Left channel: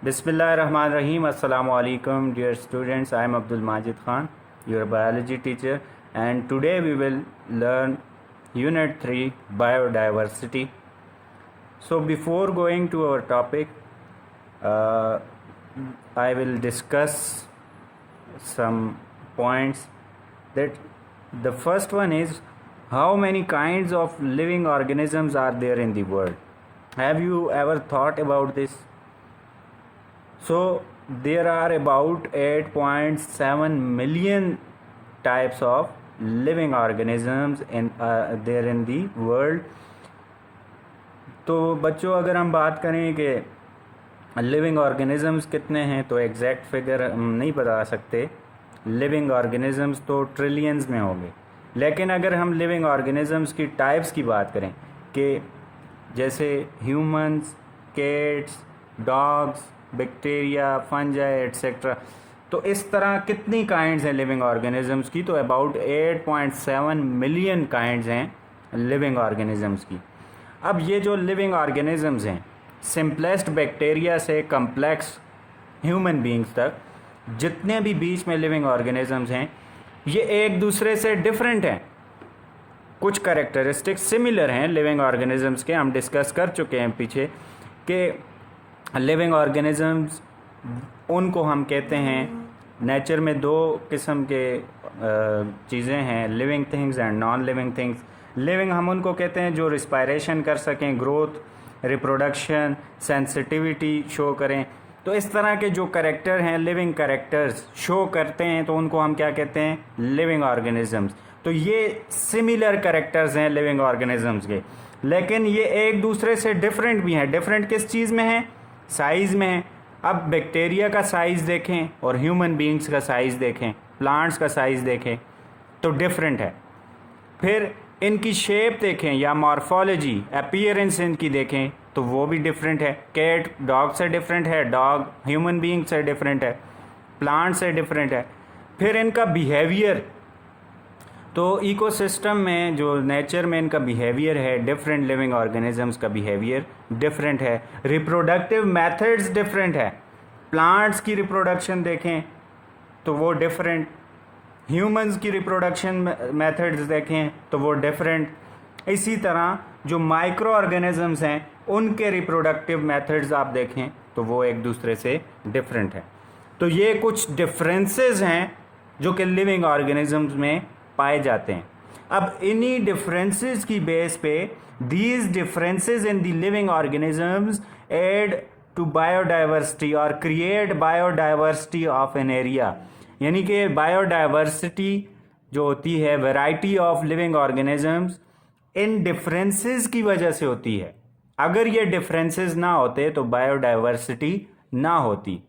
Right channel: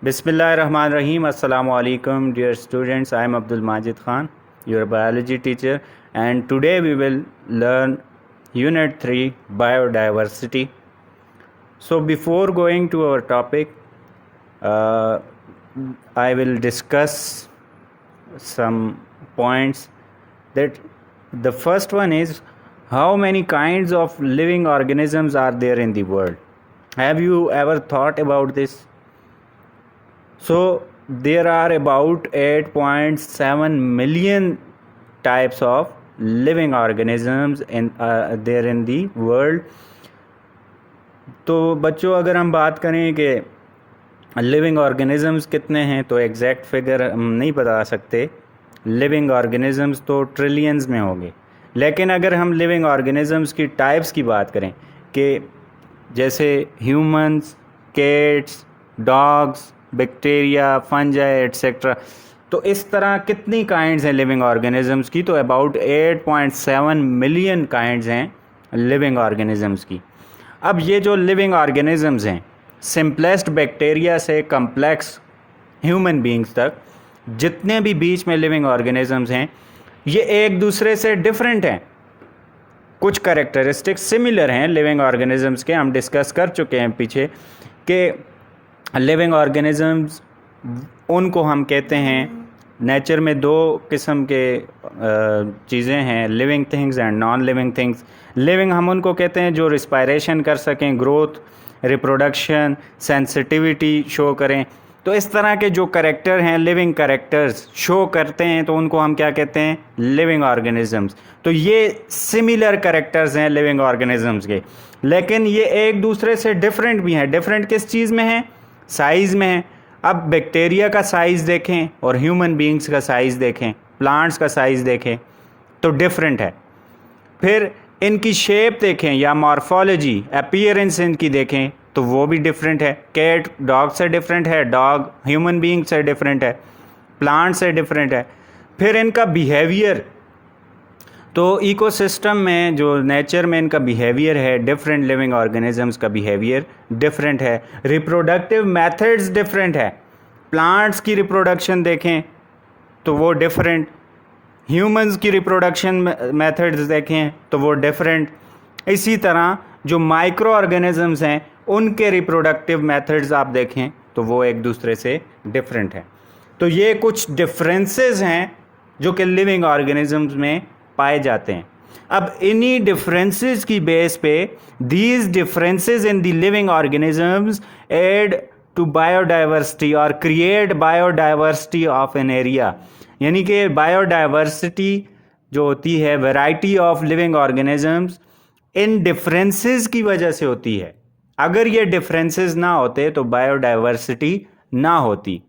Bismillahirrahmanirrahim. Assalamu alaikum, dear students. I am Abdul Majid Khan, your biology teacher, and today we will learn Unit 3 Biodiversity. So, before going to our topic, uh, I will discuss some points. That the first one is how many kinds of living organisms are there in the world? Have you ever thought about this? So there are about 8.7 million types of living organisms there in the world. तो बच्चों, अगर हम बात करें कि living organisms कितने हैं तो एग्जैक्ट फिगर हम नहीं बता सकते. लिविंग ऑर्गेनिजम्स तो ट्रिलियंस में होंगे. लेकिन अगर हम लिविंग ऑर्गेनिजम्स की टाइप्स की बात करें कि जैसे humans, cats, dogs, bacteria, fungi etcetera, तो इस तरह कितनी काइंड्स हैं लिविंग ऑर्गेनिजम्स की? तो अबाउट 8.7 मिलियन काइंड्स हैं लिविंग ऑर्गेनिजम्स की. अब ये जो लिविंग ऑर्गेनिजम्स हैं, सिंपलेस्ट बैक्टीरिया से कम्प्लेक्स ह्यूमन बींग्स तक, जितने भी बीच में लिविंग ऑर्गेनिजम्स हैं, ये एक दूसरे से डिफरेंट हैं. कुछ कैरेक्टरिस्टिक्स सिमिलर हैं लिविंग ऑर्गेनिजम्स के, हम डिस्कस कर चुके हैं पीछे कि लिविंग ऑर्गेनिजम्स उनको हम कहते हैं, नेचर में दो किस्म के चीज़ें हैं, living things and non living things. Living हम उनको कहते हैं जो रिस्पायरेशन कर सकें, ग्रोथ, रिप्रोडक्शन, सेंसिटिविटी शो करें. तो इस तरह के जो कैरेक्टर हैं, लिविंग कैरेक्टर्स शो करते हैं, तो उनको हम क्या कहते हैं? Living organisms. तो ये सिमिलर कैरेक्टर्स हैं लिविंग ऑर्गेनिजम्स के, लेकिन ये एक दूसरे से डिफरेंट भी हैं. डिफरेंट किस चीज़ में हैं? साइज़ में हैं. अब बैक्टीरिया का साइज़ देखें और ह्यूमन बींग्स का साइज़ देखें, प्लांट्स का साइज़ देखें, तो डिफरेंट है. फिर इनकी शेप देखें या मॉर्फोलॉजी, अपीयरेंस इनकी देखें, तो वो भी डिफरेंट है. कैट डॉग से डिफरेंट है, डॉग ह्यूमन बीइंग से डिफरेंट है, प्लांट से डिफरेंट है. फिर इनका बिहेवियर, तो इकोसिस्टम में जो नेचर में इनका बिहेवियर है, डिफरेंट लिविंग ऑर्गेनिजम्स का बिहेवियर डिफरेंट है. रिप्रोडक्टिव मेथड्स डिफरेंट है. प्लांट्स की रिप्रोडक्शन देखें तो वो डिफरेंट, ह्यूमंस की रिप्रोडक्शन मेथड्स देखें तो वो डिफरेंट. इसी तरह जो माइक्रो ऑर्गेनिजम्स हैं उनके रिप्रोडक्टिव मेथड्स आप देखें तो वो एक दूसरे से डिफरेंट हैं. तो ये कुछ डिफरेंसेस हैं जो कि लिविंग ऑर्गेनिजम्स में पाए जाते हैं. अब इन्हीं डिफरेंसेस की बेस पे these differences in the living organisms add to biodiversity और create biodiversity of an area. यानी कि बायोडाइवर्सिटी जो होती है, वैरायटी ऑफ लिविंग ऑर्गेनिजम्स, इन डिफरेंसेस की वजह से होती है. अगर ये डिफरेंसेस ना होते तो बायोडाइवर्सिटी ना होती.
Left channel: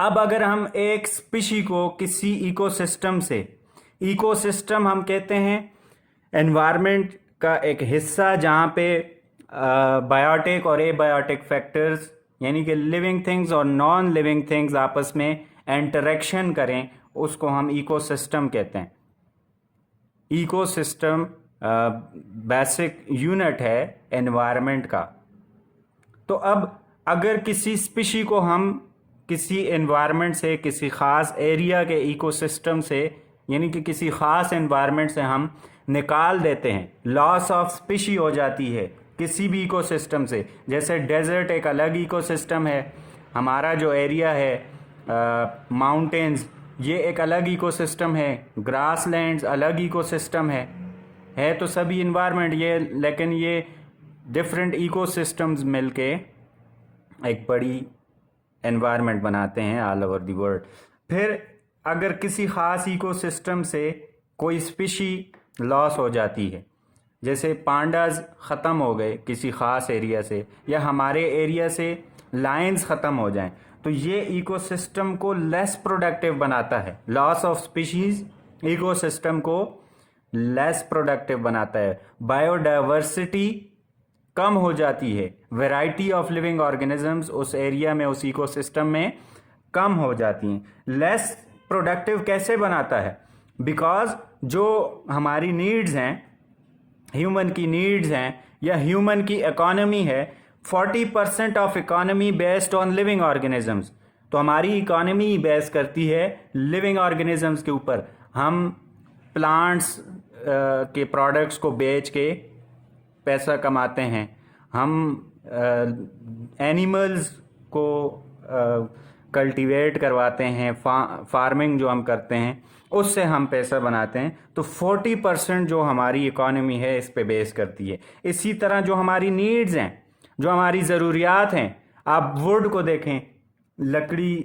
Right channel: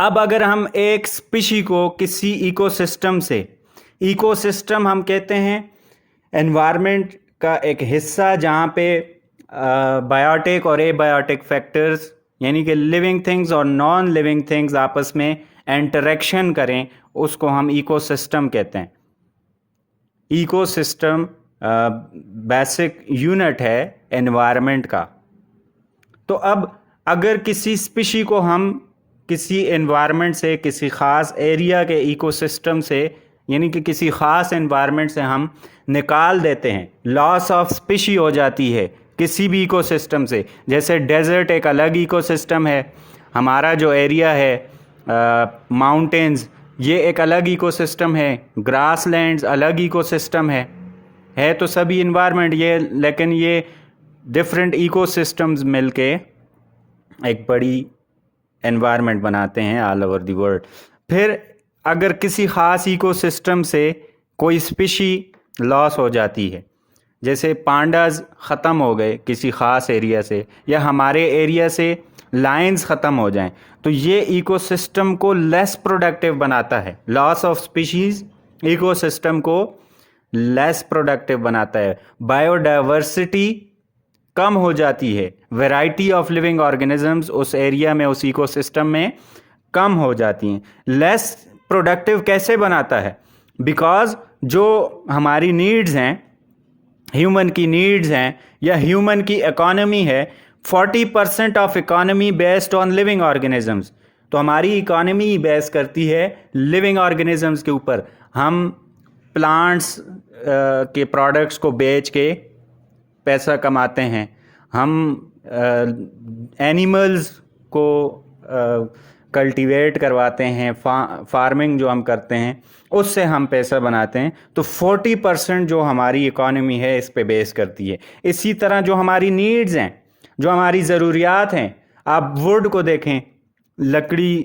अब अगर हम एक स्पीशी को किसी इकोसिस्टम से, इकोसिस्टम हम कहते हैं एनवायरनमेंट का एक हिस्सा जहाँ पे बायोटिक और एबायोटिक फैक्टर्स यानी कि लिविंग थिंग्स और नॉन लिविंग थिंग्स आपस में इंटरेक्शन करें, उसको हम इकोसिस्टम कहते हैं. इकोसिस्टम बेसिक यूनिट है एनवायरनमेंट का. तो अब अगर किसी स्पीशी को हम किसी एनवायरनमेंट से, किसी ख़ास एरिया के इकोसिस्टम से, यानी कि किसी ख़ास एनवायरनमेंट से हम निकाल देते हैं, लॉस ऑफ स्पीशी हो जाती है किसी भी इकोसिस्टम से. जैसे डेजर्ट एक अलग इकोसिस्टम है, हमारा जो एरिया है माउंटेन्स, ये एक अलग इकोसिस्टम है, ग्रासलैंड्स अलग इकोसिस्टम है तो सभी इन्वायरमेंट ये, लेकिन ये डिफरेंट इकोसिस्टम्स मिलके एक बड़ी एनवायरनमेंट बनाते हैं ऑल ओवर द वर्ल्ड. फिर अगर किसी ख़ास इकोसिस्टम से कोई स्पीशी लॉस हो जाती है, जैसे पांडाज ख़त्म हो गए किसी ख़ास एरिया से, या हमारे एरिया से लायंस ख़त्म हो जाएं, तो ये इकोसिस्टम को लेस प्रोडक्टिव बनाता है. लॉस ऑफ स्पीशीज़ इकोसिस्टम को लेस प्रोडक्टिव बनाता है. बायोडाइवर्सिटी कम हो जाती है, वैरायटी ऑफ लिविंग ऑर्गेनिजम्स उस एरिया में, उस इकोसिस्टम में कम हो जाती हैं. लेस प्रोडक्टिव कैसे बनाता है? बिकॉज जो हमारी नीड्स हैं, ह्यूमन की नीड्स हैं या ह्यूमन की इकोनॉमी है, 40% of economy based on living organisms. तो हमारी इकोनॉमी बेस करती है लिविंग ऑर्गेनिजम्स के ऊपर। हम प्लांट्स के प्रोडक्ट्स को बेच के पैसा कमाते हैं, हम एनिमल्स को कल्टीवेट करवाते हैं, फार्मिंग जो हम करते हैं उससे हम पैसा बनाते हैं। तो 40% जो हमारी इकोनॉमी है इस पे बेस करती है। इसी तरह जो हमारी नीड्स हैं, जो हमारी ज़रूरियात हैं, आप वुड को देखें, लकड़ी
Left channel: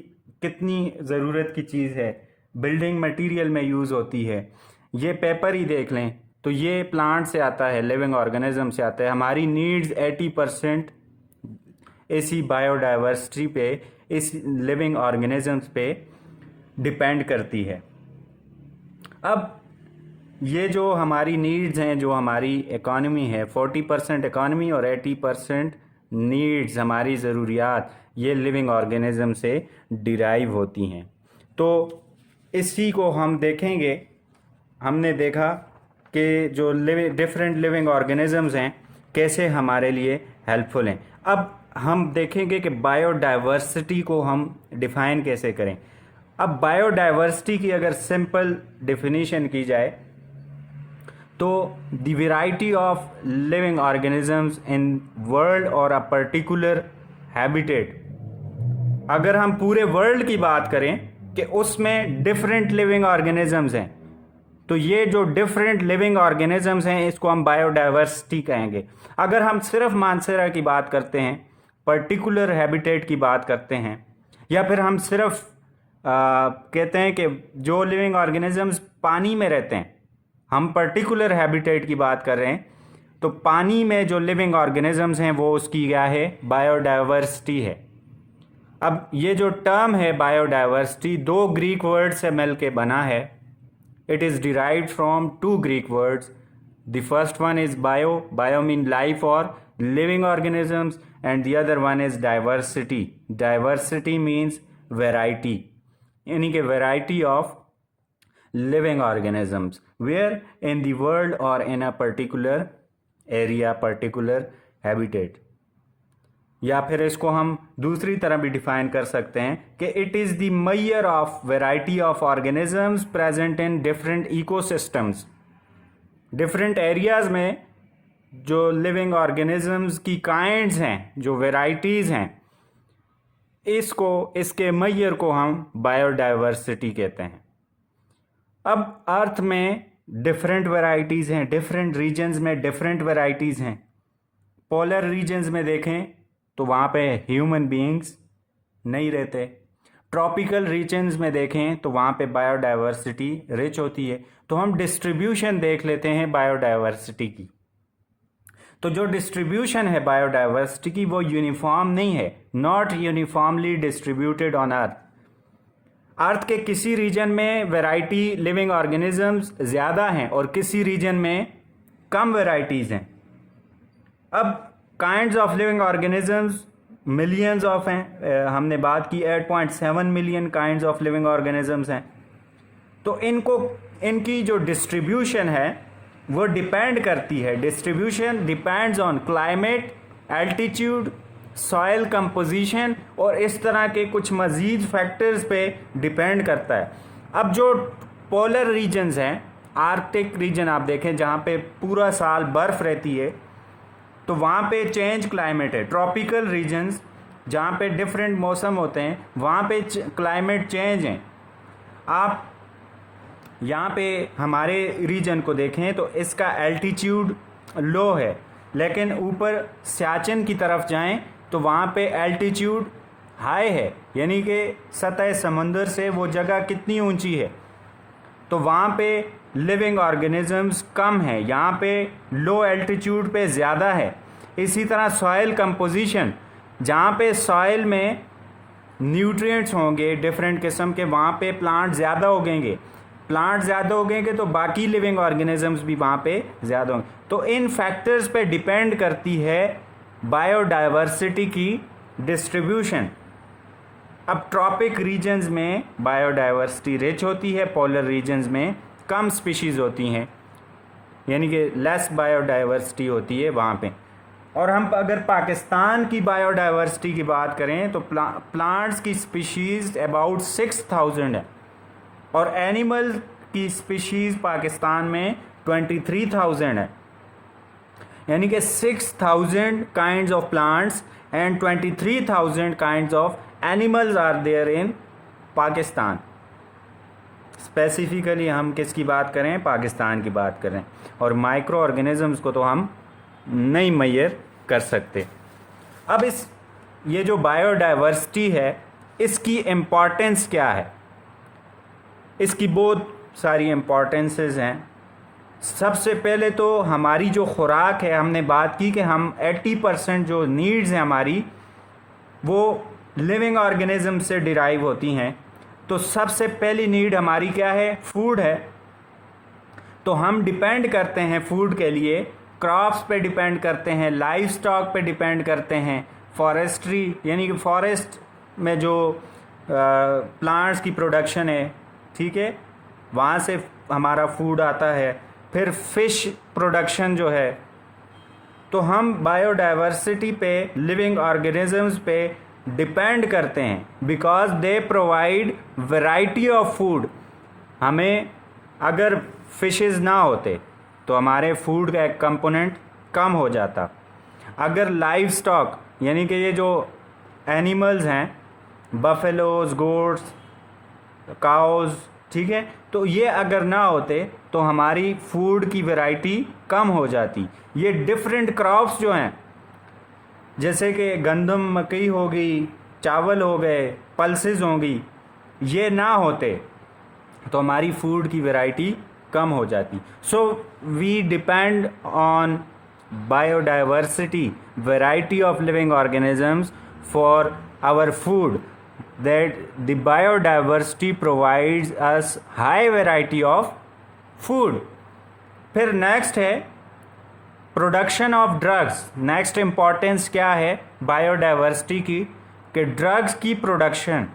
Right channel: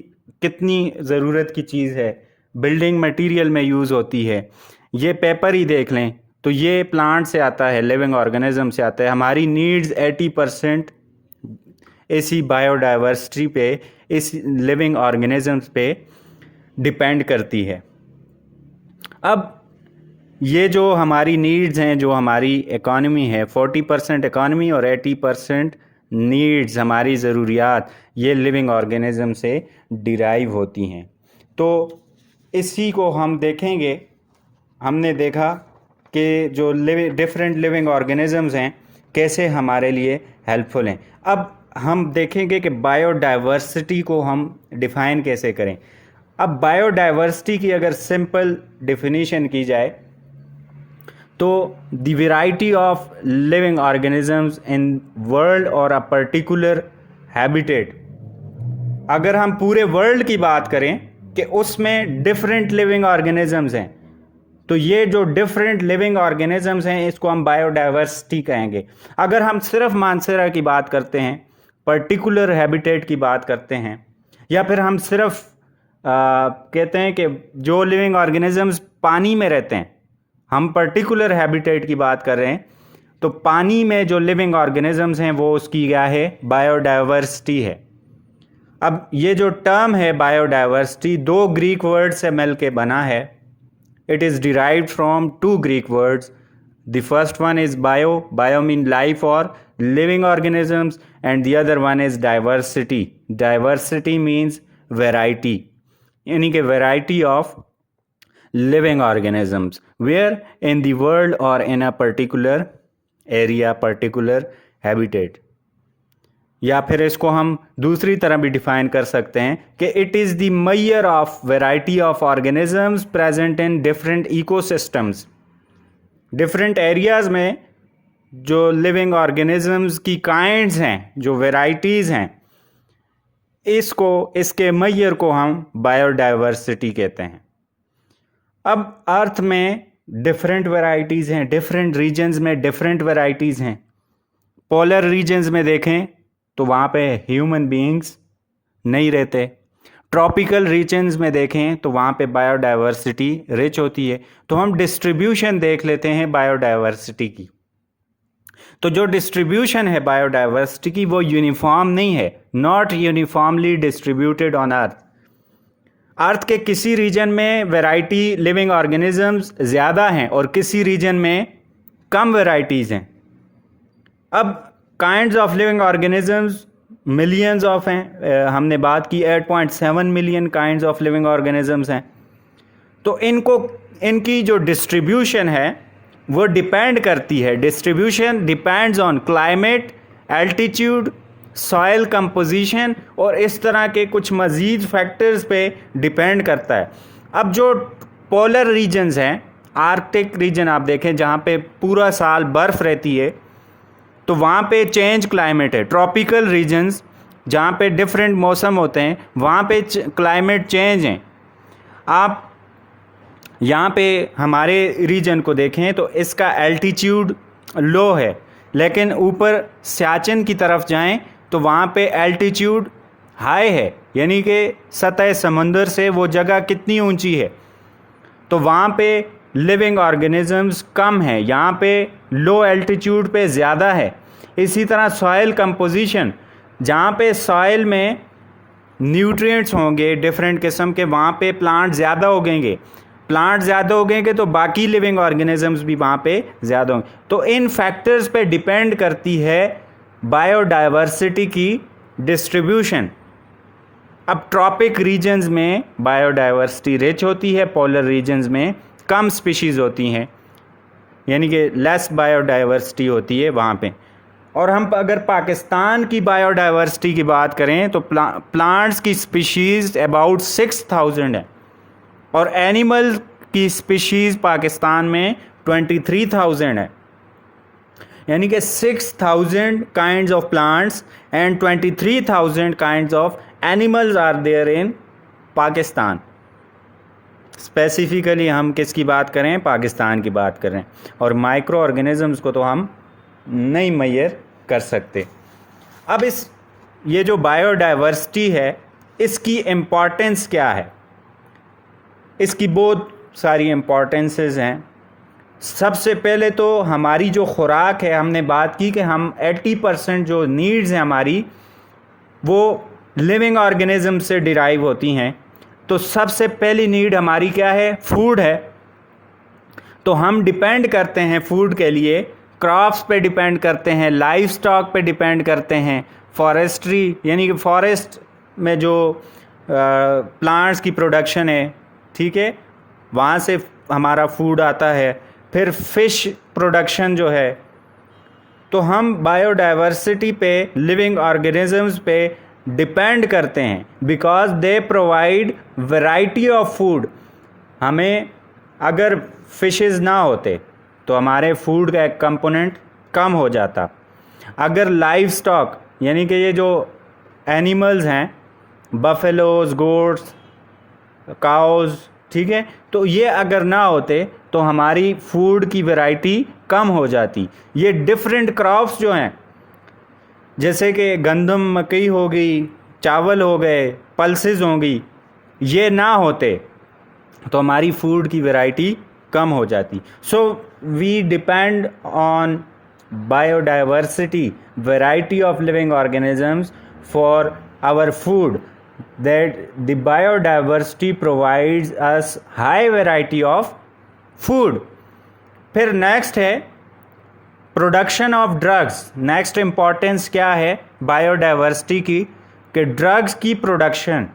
कितनी ज़रूरत की चीज़ है, बिल्डिंग मटेरियल में यूज़ होती है। ये पेपर ही देख लें तो ये प्लांट से आता है, लिविंग ऑर्गेनिज्म से आता है। हमारी नीड्स 80% इसी बायोडाइवर्सिटी पे, इस लिविंग ऑर्गेनिजम्स पे डिपेंड करती है। अब ये जो हमारी नीड्स हैं, जो हमारी इकॉनमी है, 40% इकॉनमी और 80% नीड्स, हमारी ज़रूरियात, ये लिविंग ऑर्गेनिज्म से डिराइव होती हैं। तो इसी को हम देखेंगे। हमने देखा कि जो डिफरेंट लिविंग ऑर्गेनिजम्स हैं कैसे हमारे लिए हेल्पफुल हैं। अब हम देखेंगे कि बायोडाइवर्सिटी को हम डिफ़ाइन कैसे करें। अब बायोडाइवर्सिटी की अगर सिंपल डेफिनेशन की जाए तो the variety of living organisms in world और अ पर्टिकुलर हैबिटेट। अगर हम पूरे वर्ल्ड की बात करें कि उसमें डिफरेंट लिविंग ऑर्गेनिजम्स हैं, तो ये जो डिफरेंट लिविंग ऑर्गेनिजम्स हैं इसको हम बायोडाइवर्सिटी कहेंगे। अगर हम सिर्फ मानसरा की बात करते हैं, पर्टिकुलर हैबिटेट की बात करते हैं, या फिर हम सिर्फ कहते हैं कि जो लिविंग ऑर्गेनिजम्स पानी में रहते हैं, हम पर्टिकुलर हैबिटेट की बात कर रहे हैं, तो पानी में जो लिविंग ऑर्गेनिजम्स हैं वो उसकी क्या है, बायोडाइवर्सिटी है। अब ये जो टर्म है बायोडाइवर्सिटी, दो ग्रीक वर्ड से मिल के बना है। It is derived from two Greek words. The first one is bio, bio mean life और living organisms, and the other one is diversity. Diversity means variety, यानी कि variety of living organisms where in the world और in a particular area, particular habitat. या फिर इसको हम दूसरी तरह भी डिफाइन कर सकते हैं कि it is the measure of variety of organisms present in different ecosystems. Different areas में जो लिविंग ऑर्गेनिजम्स की काइंड्स हैं, जो वेराइटीज़ हैं, इसको, इसके मेजर को हम बायोडाइवर्सिटी कहते हैं। अब अर्थ में डिफरेंट वैरायटीज़ हैं, डिफरेंट रीजन्स में डिफरेंट वैरायटीज़ हैं। पोलर रीजन्स में देखें तो वहाँ पे ह्यूमन बीइंग्स नहीं रहते। ट्रॉपिकल रीजन्स में देखें तो वहाँ पे बायोडाइवर्सिटी रिच होती है। तो हम डिस्ट्रीब्यूशन देख लेते हैं बायोडाइवर्सिटी की। तो जो डिस्ट्रीब्यूशन है बायोडाइवर्सिटी की वो यूनिफॉर्म नहीं है, not uniformly distributed on earth. Earth के किसी रीजन में वैरायटी लिविंग ऑर्गेनिजम्स ज़्यादा हैं और किसी रीजन में कम वैरायटीज़ हैं। अब kinds of living organisms millions of हैं। हमने बात की 8.7 million kinds of living organisms हैं। तो इनकी जो डिस्ट्रीब्यूशन है वो डिपेंड करती है, distribution depends on climate, altitude, soil composition और इस तरह के कुछ मज़ीद फैक्टर्स पे डिपेंड करता है। अब जो पोलर रीजन्स हैं, आर्कटिक रीजन आप देखें जहाँ पे पूरा साल बर्फ़ रहती है, तो वहाँ पे चेंज क्लाइमेट है। ट्रॉपिकल रीजन्स जहाँ पे डिफरेंट मौसम होते हैं वहाँ पे क्लाइमेट चेंज हैं। आप यहाँ पे हमारे रीजन को देखें तो इसका एल्टीट्यूड लो है, लेकिन ऊपर सियाचिन की तरफ जाएं तो वहाँ पे एल्टीट्यूड हाई है, यानी कि सतह समंदर से वो जगह कितनी ऊंची है। तो वहाँ पे लिविंग ऑर्गेनिजम्स कम है, यहाँ पे लो एल्टीट्यूड पे ज़्यादा है। इसी तरह सॉइल कंपोजिशन, जहाँ पे सॉइल में न्यूट्रिएंट्स होंगे डिफरेंट किस्म के, वहाँ पे प्लांट ज़्यादा उगेंगे। प्लांट ज़्यादा उगेंगे तो बाकी लिविंग ऑर्गेनिजम्स भी वहाँ पे ज़्यादा होंगे। तो इन फैक्टर्स पे डिपेंड करती है बायोडाइवर्सिटी की डिस्ट्रीब्यूशन। अब ट्रॉपिक रीजन्स में बायोडाइवर्सिटी रिच होती है, पोलर रीजन्स में कम स्पीशीज़ होती हैं, यानी कि लेस बायोडाइवर्सिटी होती है वहाँ पे। और हम अगर पाकिस्तान की बायोडाइवर्सिटी की बात करें तो प्लांट्स की स्पीशीज़ अबाउट 6000 है और एनिमल की स्पीशीज़ पाकिस्तान में 23,000 है, यानी कि 6,000 kinds of plants and 23,000 kinds of animals are there in Pakistan. Specifically हम किसकी बात करें, पाकिस्तान की बात करें, और माइक्रो ऑर्गेनिजम्स को तो हम नहीं मेजर कर सकते। अब ये जो बायोडाइवर्सिटी है इसकी इम्पॉर्टेंस क्या है, इसकी बहुत सारी इम्पॉर्टेंसेस हैं। सबसे पहले तो हमारी जो खुराक है, हमने बात की कि हम 80% जो नीड्स हैं हमारी वो लिविंग ऑर्गेनिज्म से डिराइव होती हैं। तो सबसे पहली नीड हमारी क्या है, फूड है। तो हम डिपेंड करते हैं फूड के लिए, क्रॉप्स पे डिपेंड करते हैं, लाइव स्टॉक पे डिपेंड करते हैं, फॉरेस्ट्री यानी कि फॉरेस्ट में जो प्लांट्स की प्रोडक्शन है, ठीक है, वहाँ से हमारा फूड आता है। फिर फिश प्रोडक्शन जो है, तो हम बायोडाइवर्सिटी पे, लिविंग ऑर्गेनिजम्स पे डिपेंड करते हैं because they provide variety of food. हमें अगर फिशेस ना होते तो हमारे फूड का एक कंपोनेंट कम हो जाता। अगर लाइव स्टॉक यानी कि ये जो एनिमल्स हैं, बफेलोज, गोट्स, काउज, ठीक है, तो ये अगर ना होते तो हमारी फूड की वैरायटी कम हो जाती। ये डिफरेंट क्रॉप्स जो हैं, जैसे कि गंदम, मकई हो गई, चावल हो गए, पल्सेस होंगी, ये ना होते तो हमारी फूड की वैरायटी कम हो जाती। So we depend on biodiversity, variety of living organisms for our food, that the biodiversity provides us high variety of food। फिर नेक्स्ट है production of drugs. Next importance क्या है बायोडाइवर्सिटी की, कि ड्रग्स की प्रोडक्शन।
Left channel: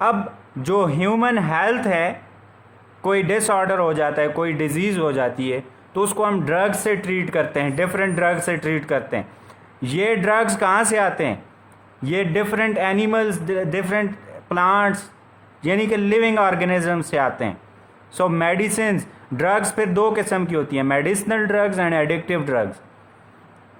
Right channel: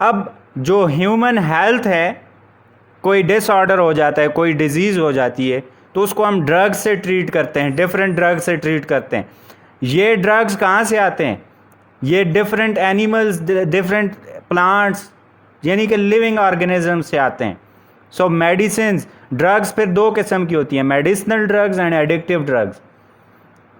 अब जो ह्यूमन हेल्थ है, कोई डिसऑर्डर हो जाता है, कोई डिजीज़ हो जाती है, तो उसको हम ड्रग्स से ट्रीट करते हैं, डिफरेंट ड्रग्स से ट्रीट करते हैं। ये ड्रग्स कहाँ से आते हैं, ये डिफरेंट एनिमल्स, डिफरेंट प्लांट्स यानी कि लिविंग ऑर्गेनिज्म से आते हैं। सो मेडिसिन्स, ड्रग्स फिर दो किस्म की होती हैं, medicinal drugs and addictive drugs.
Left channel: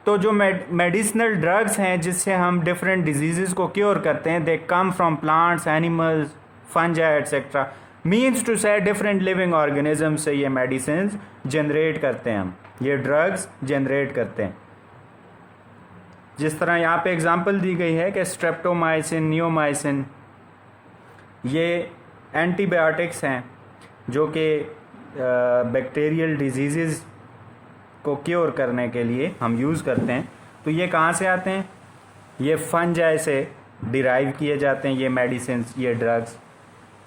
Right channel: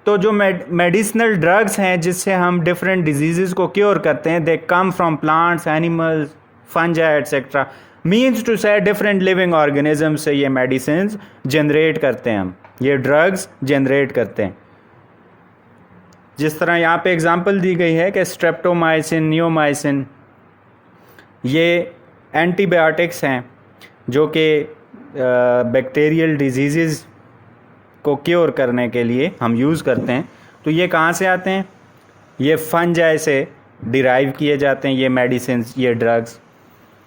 तो जो मेडिसिनल ड्रग्स हैं जिससे हम डिफरेंट डिजीज़ को क्योर करते हैं, they come from plants, animals, fungi etcetera. Means to say different living organism से ये मेडिसिन्स जनरेट करते हैं, हम ये ड्रग्स जनरेट करते हैं। जिस तरह यहाँ पे एग्जांपल दी गई है कि स्ट्रेप्टोमाइसिन, नियोमाइसिन, ये एंटीबायोटिक्स हैं जो कि बैक्टीरियल डिजीज़ को क्योर करने के लिए हम यूज़ करते हैं। तो ये कहाँ से आते हैं, ये फंजाई से डिराइव किए जाते हैं ये मेडिसिन, ये ड्रग्स।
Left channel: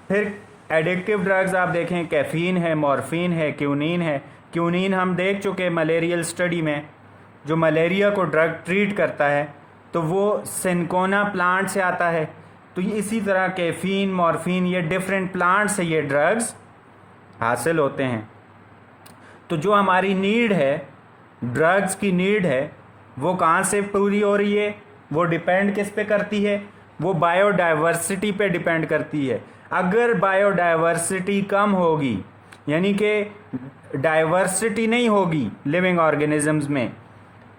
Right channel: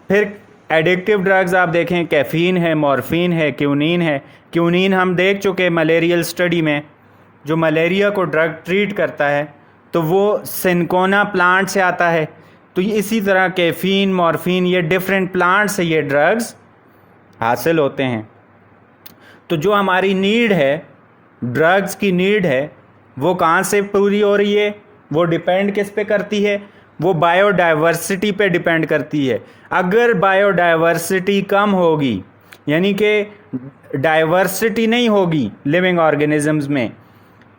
फिर एडिक्टिव ड्रग्स आप देखें, कैफीन है, मॉर्फिन है, क्यूनिन है। क्यूनिन हम देख चुके मलेरियल स्टडी में, जो मलेरिया को ड्रग ट्रीट करता है, तो वो सिनकोना प्लांट से आता है। तो इसी तरह कैफीन, मॉर्फिन, ये डिफरेंट प्लांट से ये ड्रग्स हासिल होते हैं। तो जो हमारी नीड है, ड्रग्स की नीड है, वो कहाँ से पूरी हो रही है, वो डिपेंड किस पे करती है, वो बायोडाइवर्सिटी पे डिपेंड करती है। अगर बायोडाइवर्सिटी कम होगी, यानी कि डाइवर्सिटी नहीं होगी लिविंग ऑर्गेनिजम्स में,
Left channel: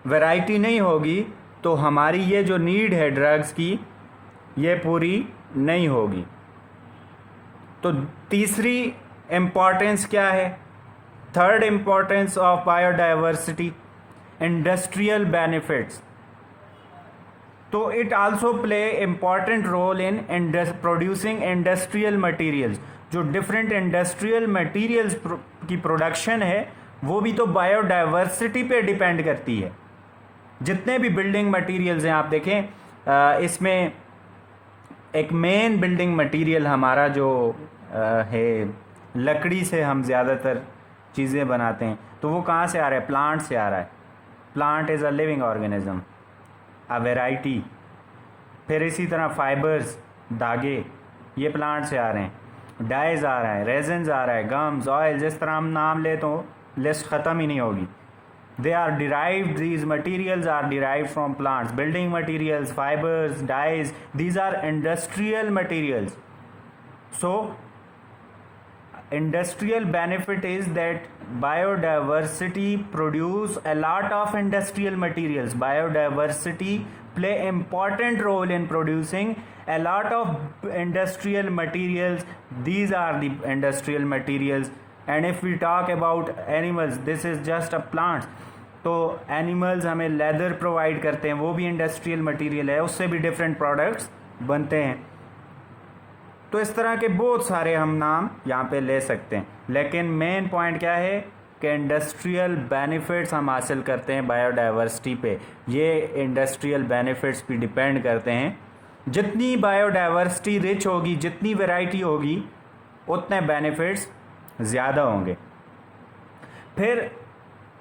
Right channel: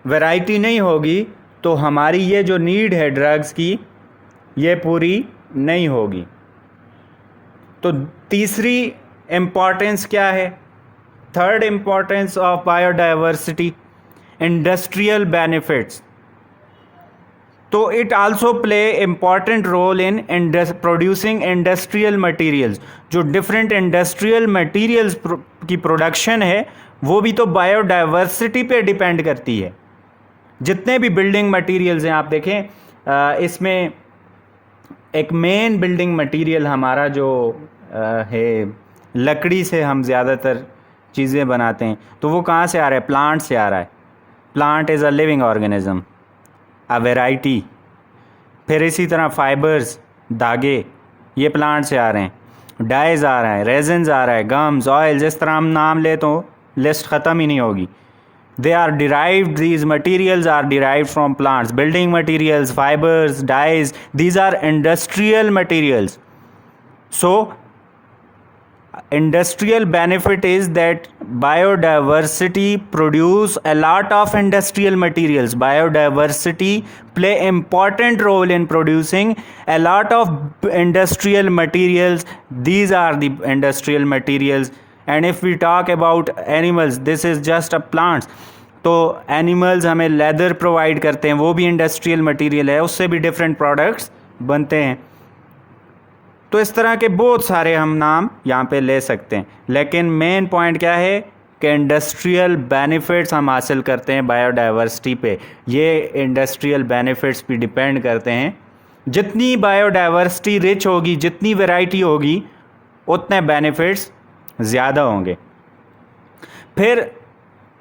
वैरायटी नहीं होगी, तो हमारी ये जो नीड है ड्रग्स की, ये पूरी नहीं होगी। तो तीसरी इम्पॉर्टेंस क्या है, third importance of biodiversity, industrial benefits. तो it also play important role in producing industrial materials. जो डिफरेंट इंडस्ट्रियल मटेरियल्स की प्रोडक्शन है, वो भी तो बायोडाइवर्सिटी पे डिपेंड करती है। जितने भी बिल्डिंग मटेरियल्स हैं आप देखें, इसमें एक मेन बिल्डिंग मटेरियल हमारा जो है, लकड़ी से हम ज़्यादातर चीज़ें बनाते हैं, तो वो कहाँ से आ रहा है, प्लांट से आ रहा है। Plant is a living organism, a variety. फिर इसी तरह फाइबर्स, धागे, ये प्लांट से आ रहे हैं। डाइज आ रहा है, रेजन्स आ रहा है, गम्स, ऑयल, जिस तरह हम नाम ले तो लिस्ट ख़त्म ही नहीं होगी। They are derived, these materials are derived from plants. Building materials, fibers, dyes, these are industrial materials. So industrial benefit is that biodiversity produce a lot of industrial materials. Biodiversity play important role in producing a lot of industrial materials. These are the industrial materials. And if we talk about animals, this is just a plants. तो animals हमें leather provide करते हैं, वो भी industrial material है, उससे भी different products बनते हैं. तो इस तरह के बहुत सारे हम नाम यहाँ पे ले सकते हैं, लेकिन मेन पॉइंट क्या है कि इंडस्ट्रियल बेनिफिट्स हम हासिल करते हैं बायोडाइवर्सिटी पे. ये इंडस्ट्रियल बेनिफिट्स भी डिपेंड करते हैं. जितनी बायोडाइवर्सिटी रिच होगी, जितनी वैरायटी होगी, उतने बेनिफिट्स ज़्यादा होंगे. फिर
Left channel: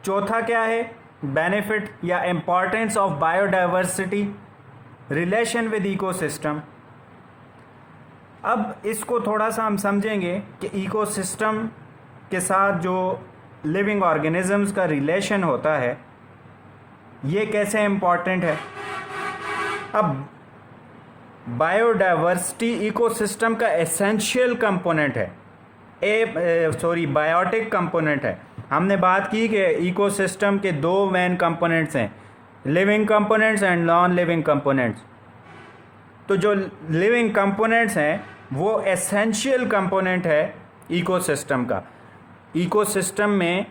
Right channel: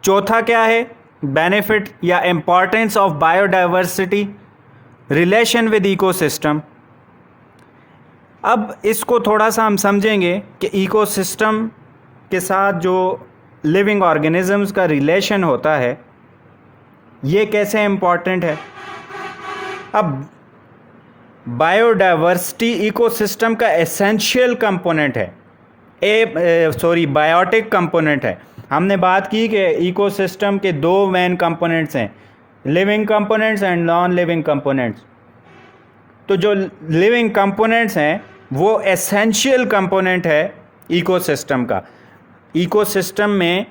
चौथा क्या है बेनिफिट या importance of biodiversity, relation with ecosystem. अब इसको थोड़ा सा हम समझेंगे कि इकोसिस्टम के साथ जो लिविंग ऑर्गेनिजम्स का रिलेशन होता है ये कैसे इम्पॉर्टेंट है. अब बायोडाइवर्सिटी इकोसिस्टम का एसेंशियल कंपोनेंट है, बायोटिक कंपोनेंट है. हमने बात की कि इकोसिस्टम के दो मेन कंपोनेंट्स हैं, living components and non living components. तो जो लिविंग कंपोनेंट्स हैं वो एसेंशियल कंपोनेंट है इकोसिस्टम का. इकोसिस्टम में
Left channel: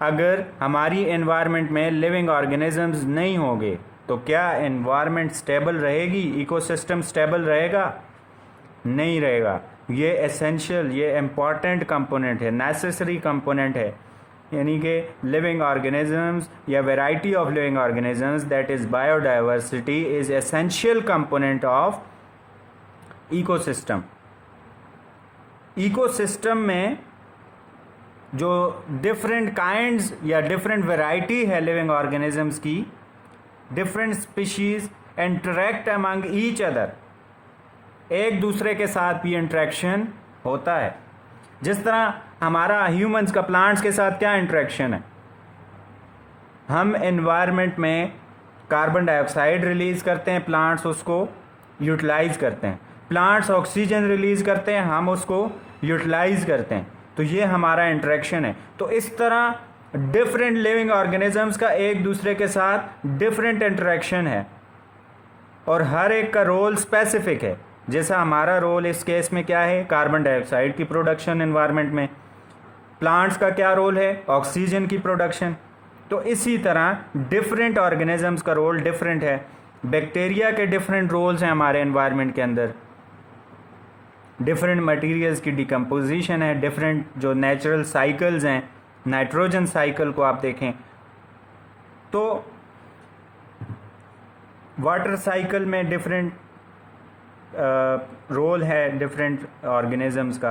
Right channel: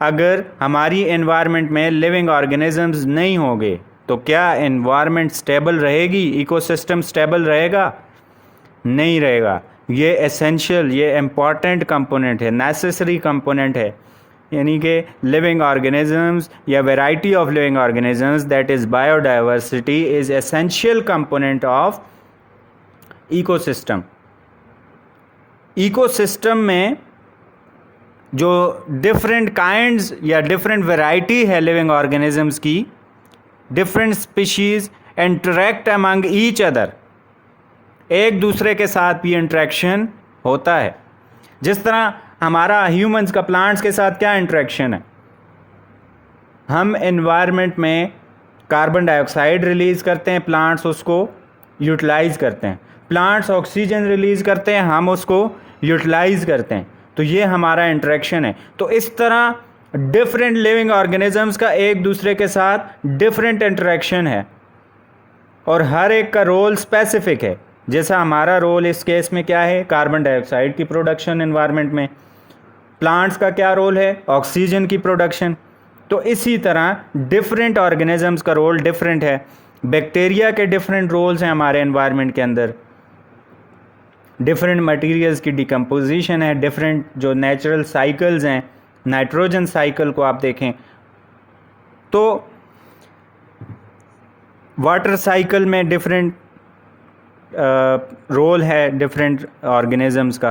अगर हमारी एनवायरनमेंट में लिविंग ऑर्गेनिजम्स नहीं होंगे तो क्या एनवायरनमेंट स्टेबल रहेगी, इकोसिस्टम स्टेबल रहेगा? नहीं रहेगा. ये एसेंशियल, ये इम्पॉर्टेंट कंपोनेंट है, नेसेसरी कंपोनेंट है. यानी कि लिविंग ऑर्गेनिजम्स या variety of living organisms, that is biodiversity, is essential component of ecosystem. Ecosystem में जो डिफरेंट काइंड्स या डिफरेंट वैरायटी है लिविंग ऑर्गेनिजम्स की, different species interact among each other, एक दूसरे के साथ भी इंटरेक्शन होता है. जिस तरह हमारा ह्यूमंस का प्लांट्स के साथ क्या इंटरेक्शन है, हम एनवायरनमेंट में कार्बन डाइऑक्साइड रिलीज़ करते हैं, प्लांट्स उसको यूटिलाइज़ करते हैं. प्लांट्स ऑक्सीजन रिलीज़ करते हैं, हम उसको यूटिलाइज़ करते हैं. तो ये हमारा इंटरेक्शन है. तो इस तरह डिफरेंट लिविंग ऑर्गेनिजम्स का एक दूसरे के साथ डिफरेंट इंटरेक्शन है और हर एक का रोल स्पेसिफिक है. जैसा हमारा रोल इस केस में क्या है, कार्बन डाइऑक्साइड की प्रोडक्शन एनवायरनमेंट में. प्लांट्स का क्या रोल है, ऑक्सीजन की प्रोडक्शन. तो इसी तरह डिफरेंट ऑर्गेनिजम्स का रोल डिफरेंट है. बैक्टीरिया के डिफरेंट रोल्स हैं हमारे एनवायरनमेंट के अंदर. डिफरेंट मटेरियल्स की डिकम्पोजिशन है, डिफरेंट जो नेचुरल साइकिल्स हैं, नाइट्रोजन साइकिल को आप देखें तो वाटर साइकिल में डिफरेंट रोल है डिफरेंट ऑर्गेनिजम्स का.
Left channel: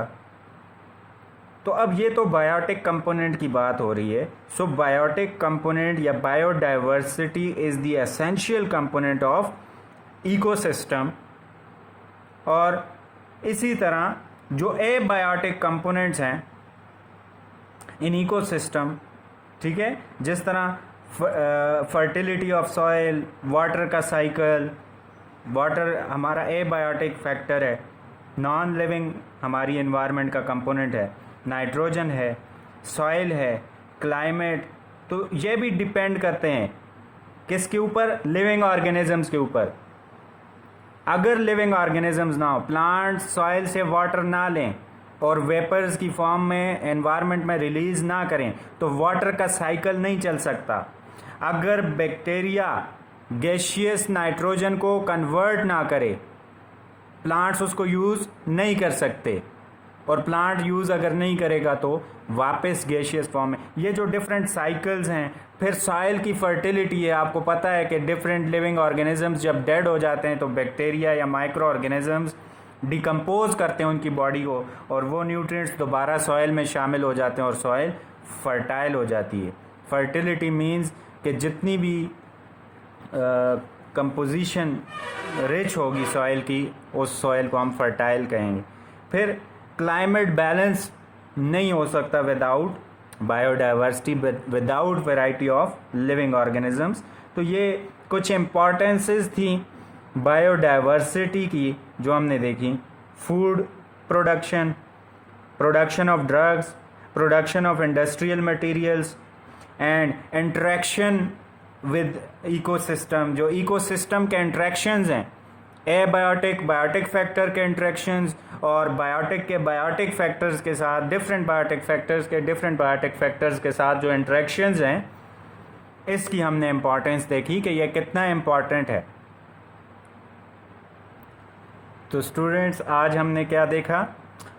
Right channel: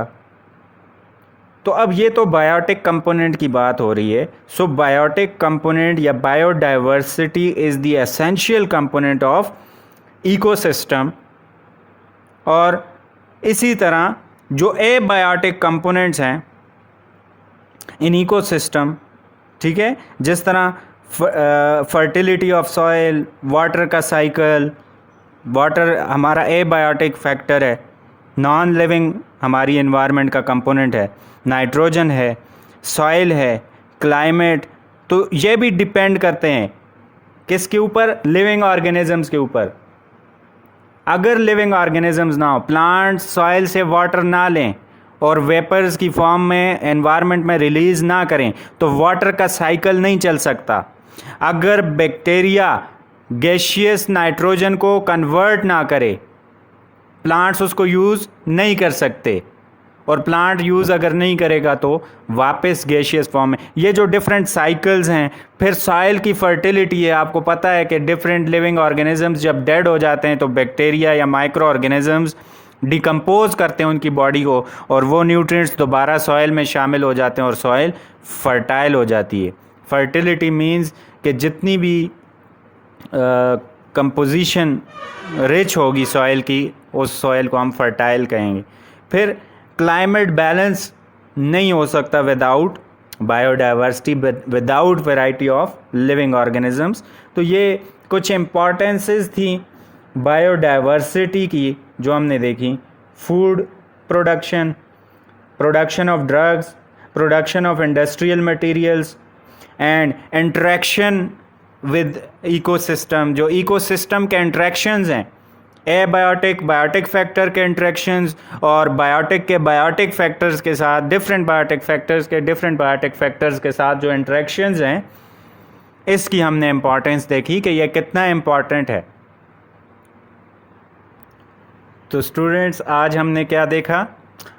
तो अब ये तो बायोटिक कंपोनेंट की बात हो रही है. सो बायोटिक कंपोनेंट या biodiversity is the essential component of ecosystem. और इसी तरह जो एबायोटिक कंपोनेंट्स हैं इन इकोसिस्टम, ठीक है, जिस तरह फर्टिलिटी ऑफ सॉइल, वाटर का साइकिल, वाटर हमारा एबायोटिक फैक्टर है, नॉन लिविंग हमारी एनवायरनमेंट का कंपोनेंट है, नाइट्रोजन है, सॉइल है, क्लाइमेट. तो ये भी डिपेंड करते हैं किसके ऊपर, लिविंग ऑर्गेनिजम्स के ऊपर. अगर लिविंग ऑर्गेनिजम्स ना हो, प्लांट्स सॉइल से वाटर ना लें और वेपर्स की फॉर्म में एनवायरनमेंट में रिलीज़ ना करें तो वाटर का साइकिल नहीं चल सकता. अगर बैक्टीरिया गैसियस नाइट्रोजन को कन्वर्ट ना करे, प्लांट्स उसको यूज़ नहीं कर सकते. और प्लांट यूज़ अगर नहीं करेगा तो वापस गैसियस फॉर्म में. ये जो डिफरेंट साइकिल्स हैं. फिर सॉइल की फर्टिलिटी है. आपको पता है कि डिफरेंट लिविंग ऑर्गेनिजम्स जब डेड हो जाते हैं तो बैक्टीरिया या माइक्रो ऑर्गेनिजम्स डिकम्पोज करते हैं उनकी बॉडी को और वो न्यूट्रिएंट्स दोबारा सॉइल में शामिल हो जाते हैं और सॉइल फर्टाइल हो जाती है. फर्टिलिटी मीन्स कि जितनी भी कंपोजिशन रिच होगी सॉइल की, उस सॉइल को हम फर्टाइल कहेंगे. फिर क्लाइमेट बैलेंस नहीं हो सकता without biodiversity without variety of living organisms. तो ये कुछ इम्पॉर्टेंसेस थी बायोडाइवर्सिटी की जो हमने देखी। Food production, production of drugs, production of industrial materials and interaction with ecosystem. जो इकोसिस्टम के इंटरेक्शंस हैं, एबायोटिक बायोटिक फैक्टर के इंटरेक्शंस और बायोटिक के बायोटिक फैक्टर्स के साथ, डिफरेंट बायोटिक फैक्टर्स के डिफरेंट बायोटिक फैक्टर्स के साथ जो इंटरेक्शंस हैं, इसकी हमने इम्पॉर्टेंस देखी कि यह कितना इम्पॉर्टेंट है। तो स्टूडेंट्स, आज हमने क्या देखा?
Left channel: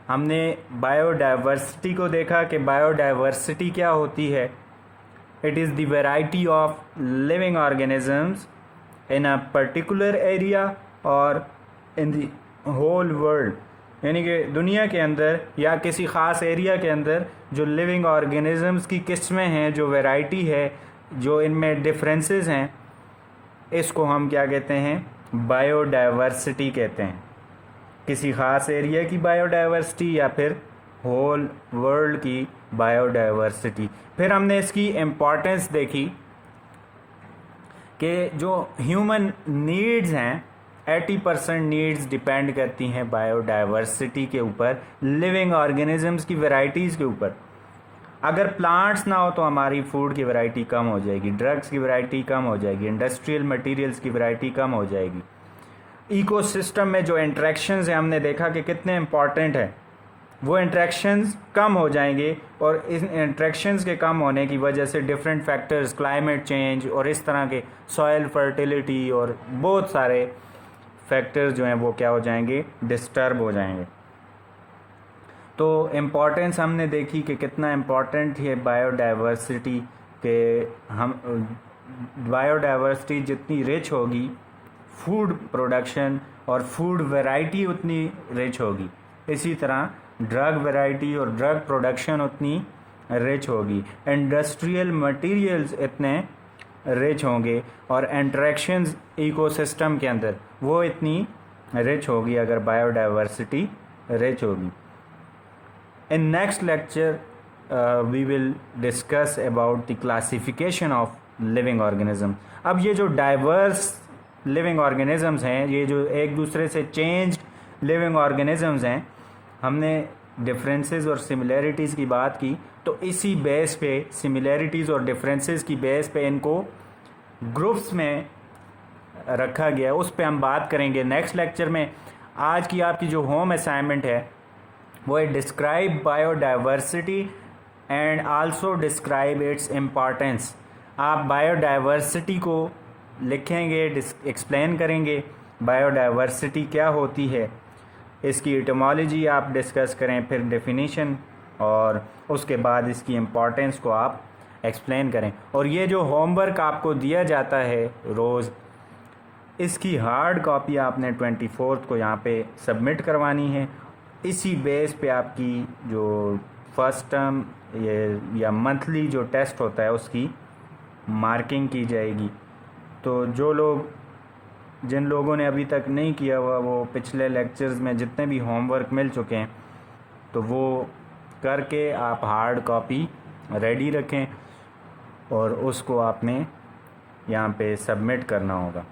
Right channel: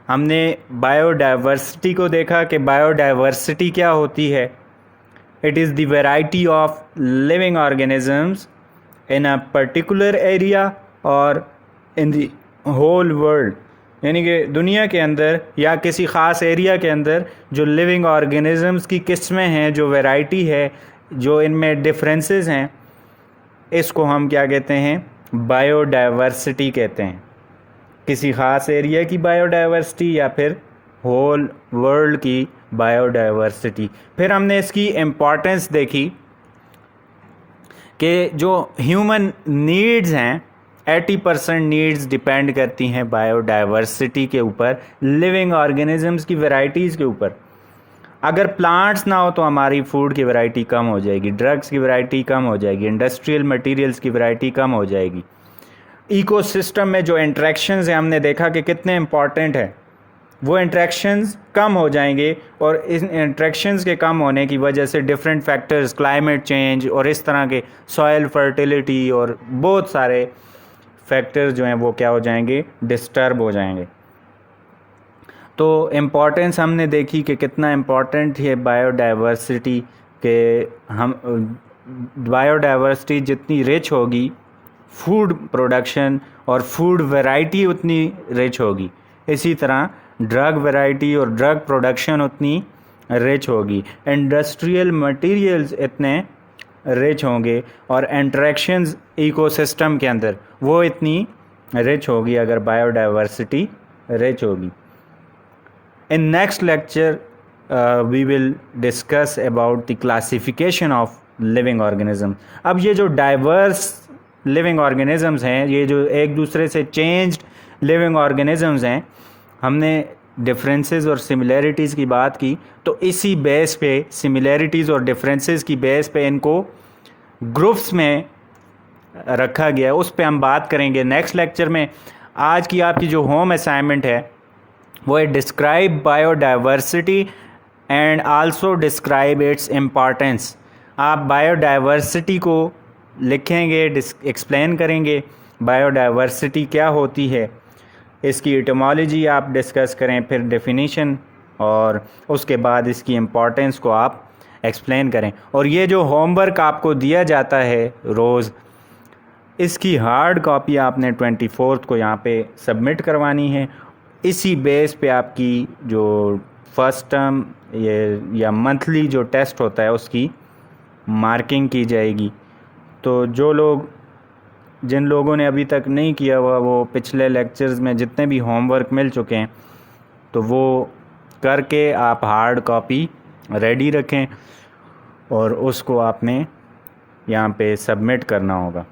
हमने बायोडाइवर्सिटी को देखा कि बायोडाइवर्सिटी क्या होती है। It is the variety of living organisms in a particular area और इन द होल वर्ल्ड, यानी कि दुनिया के अंदर या किसी ख़ास एरिया के अंदर जो लिविंग ऑर्गेनिजम्स की किस्में हैं, जो वैरायटी है, जो इनमें डिफरेंसेस हैं, इसको हम क्या कहते हैं? बायोडाइवर्सिटी कहते हैं। किसी ख़ास एरिया की बायोडाइवर्सिटी या फिर होल वर्ल्ड की बायोडाइवर्सिटी। फिर हमने इसकी इम्पॉर्टेंस देखी कि जो ह्यूमन नीड्स हैं, 80% नीड्स डिपेंड करती हैं बायोडाइवर्सिटी के ऊपर, लिविंग ऑर्गेनिजम्स की वैरायटीज़ के ऊपर। अगर प्लांट्स ना हो तो हमारी फूड की वैरायटी कम हो जाएगी, ड्रग्स की वैरायटी कम हो जाएगी, इंडस्ट्रियल मटेरियल्स की वैरायटी कम हो जाएगी। इकोसिस्टम में जो इंटरेक्शंस हैं, हमने देखा कि कितने इम्पॉर्टेंट है, वो इंटरेक्शंस कम हो जाएंगे और इन इंटरेक्शंस के कम होने की वजह से डिफरेंट फैक्टर्स, क्लाइमेट चेंज और इस तरह के सॉइल फर्टिलिटी और बहुत सारे फैक्टर्स जो हैं वो क्या हो जाएंगे? डिस्टर्ब हो जाएंगे। तो इम्पॉर्टेंस हमने देखी कि कितना इम्पॉर्टेंट है बायोडाइवर्सिटी के। हम बायोडाइवर्सिटी जितनी रिच होगी, फूड प्रोडक्शन और फूड वैरायटी उतनी रिच होगी। इसी तरह ड्रग वैरायटी और ड्रग प्रोडक्शन उतनी रिच होगी, इंडस्ट्रियल मटेरियल्स इतने रिच होंगे और इंटरेक्शंस इकोसिस्टम के अंदर वो इतनी रिच होगी अगर बायोडाइवर्सिटी रिच होगी। In next lecture we will discuss about the classification of living organism. अब ये जो डाइवर्स लिविंग ऑर्गेनिजम्स हैं, ये जो एक दूसरे से चेंज्ड लिविंग ऑर्गेनिजम्स हैं, हमने डिफरेंसेस और सिमिलैरिटीज़ की बात की। तो इसी बेस पे, सिमिलैरिटीज़ और डिफरेंसेस की बेस पे इनको ग्रुप्स में रखा गया, उस पे हम बात करेंगे नेक्स्ट लेक्चर में। आज की आपकी जो होम असाइनमेंट है वो है describe biodiversity and also describe it's importance. आप बायोडाइवर्सिटी को लिखेंगे, एक्सप्लेन करेंगे बायोडाइवर्सिटी क्या होती है, इसकी इटमोलॉजी आप डिस्कस करें, फिर डेफिनेशन, और उसके बाद इसकी इम्पॉर्टेंस को आप एक्सप्लेन करें। और ये जो होमवर्क आपको दिया जाता है रोज़, इसकी हार्ड कॉपी आपने 24 को यहाँ पे सबमिट करवानी है। इसी बेस पे आपकी जो फर्स्ट टर्म या मंथली जो टेस्ट होता है उसकी मार्किंग की जाएगी। तो जिन लोगों ने अभी तक नहीं किया हुआ, वो पिछले लेक्चर्स में जितने भी होमवर्क मिल चुके हैं तो वो करके आप हार्ड कॉपी रेडी रखें और उसको आपने यहाँ पे सबमिट करना होगा।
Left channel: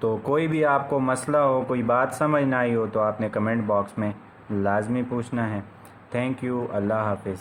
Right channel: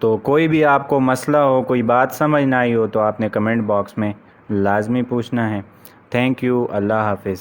तो कोई भी आपको मसला हो, कोई बात समझ ना आई हो तो आपने कमेंट बॉक्स में लाजमी पूछना है। Thank you. अल्लाह हाफिज़।